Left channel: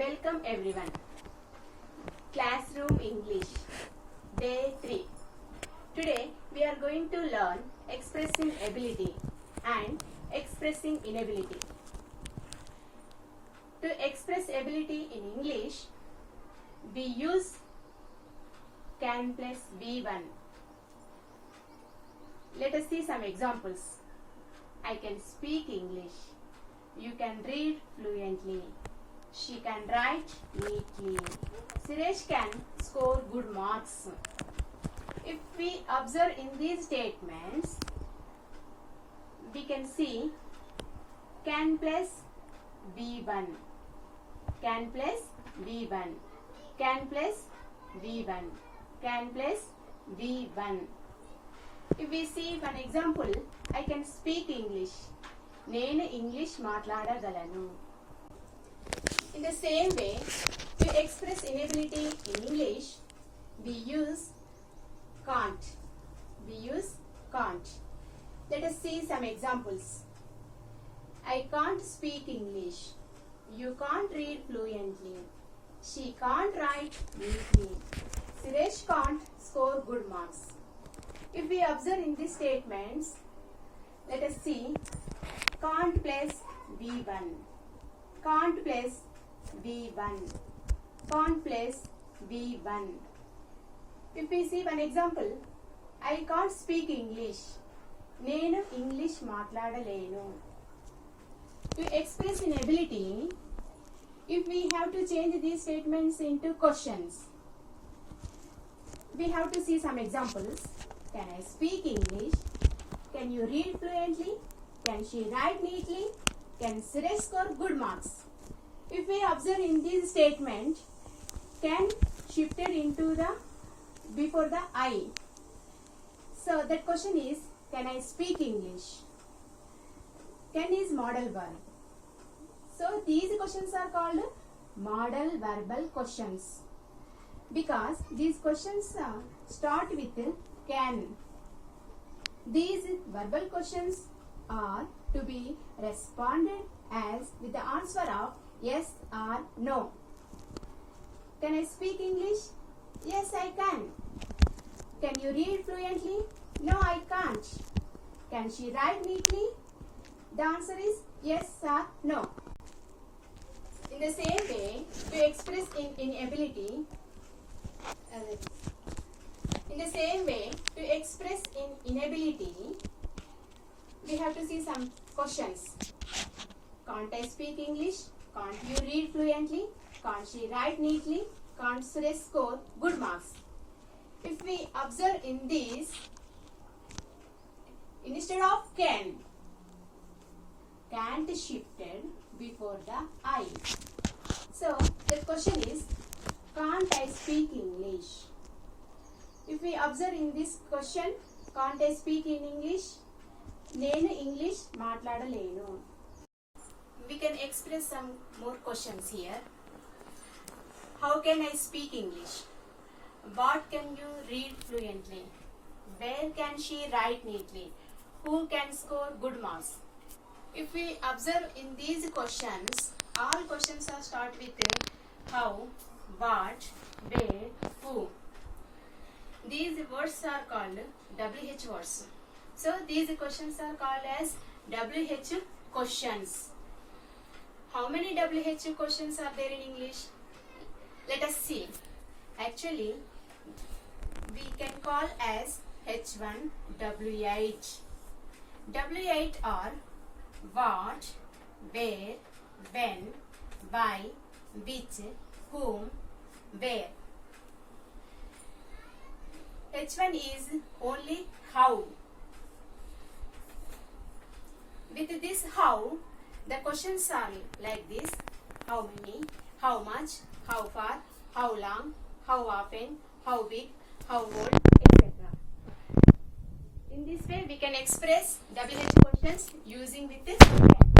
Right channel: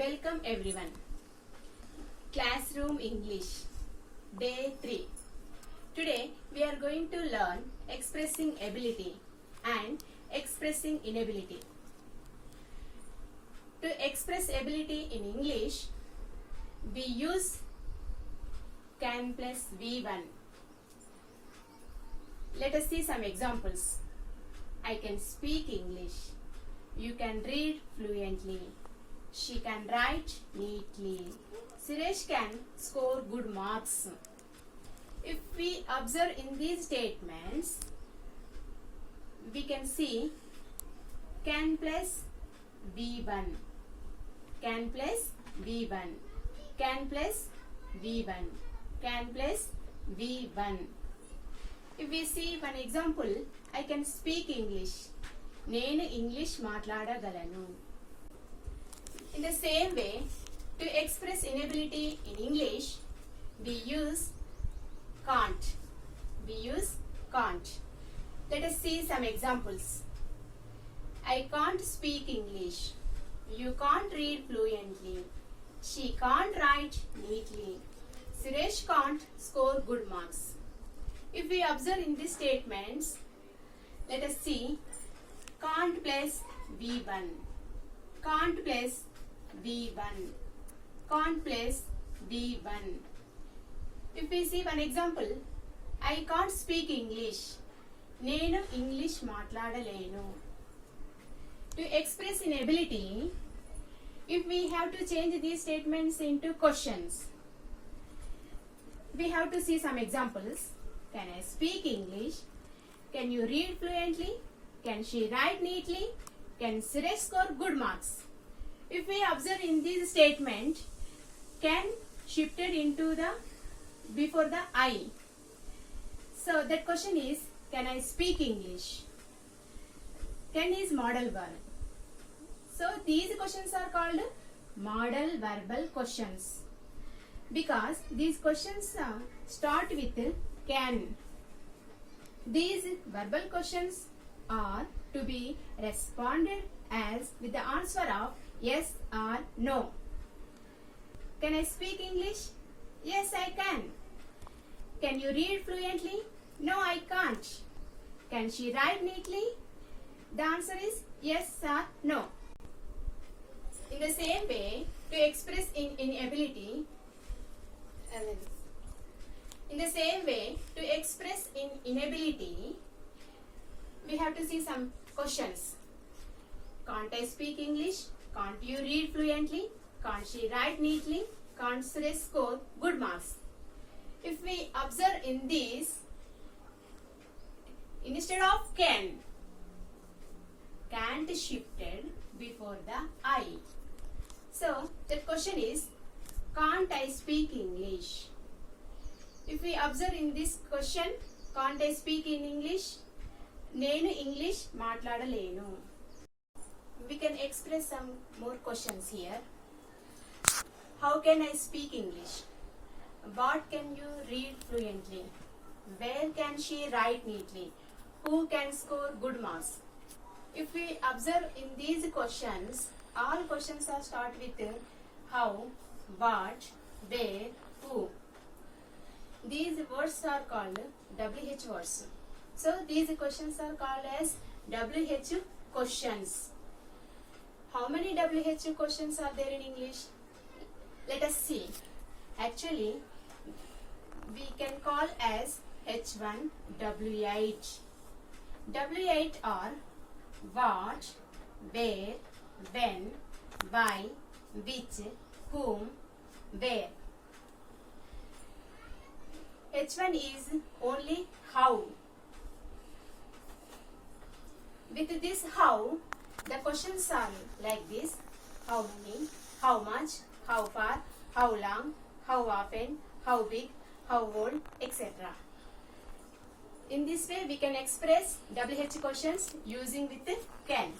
Welcome everyone. Classroom English Day 3. Today we are going to learn expressing ability and expressing inability. To express ability in English, we use can plus V1. Let us see some examples. I can speak English. You can read fluently. She can write neatly. Suresh can score good marks. If we observe in these statements, we can see can plus V1, can plus V1, can plus V1, can plus V1. If we see one example, I can speak English. నేను English మాట్లాడగలను. In the same way, to express inability in English, we use can't. We use can't. Let us see some examples. I can't speak English. You can't read fluently. She can't write neatly. Suresh can't score good marks. If we observe in these statements, let us see can't plus V1, can't plus V1, can't plus V1. If we see one example, I can't speak English. నేను English మాట్లాడలేను. To express inability, if we have to change these statements into questions, we have to see some examples. Can I speak English? Can you read fluently? Can she write neatly? Can Suresh score good marks? If we observe in this statement, can shifted into the before the I. So that question is, can I speak English? Can is modal verb. So these questions are called modal verbal questions because these questions start with can. These verbal questions are to be responded as with the answer of yes or no. Can I speak English? Yes, I can. Can you read fluently? No, I can't. Can she write neatly? The answer is yes or no. In the same way, to express inability, we have to see some questions. Can't I speak English? Can't you read fluently? Can't she write neatly? Can't Suresh score good marks? If we observe in this, instead of can't shifted before the I. So the question is, can't I speak English? If we observe in this question, can't I speak in English? నేను English మాట్లాడలేను. We can express some more questions here. How can I speak English? What can you read fluently? Where can she write neatly? Who can score good marks? If we observe in these questions, all questions are start with how, what, where, who. These words are called WH words. So these questions are called as WH questions. How many WH questions are there in English? Let us see. Actually, we can call as H1 W8. W8 are what, where, when, why, which, whom, where. H1 is only how. With this how, the questions are like this: how many, how much, how far, how long, how often, how big, how old, etc. In this way, we can express WH questions using with can.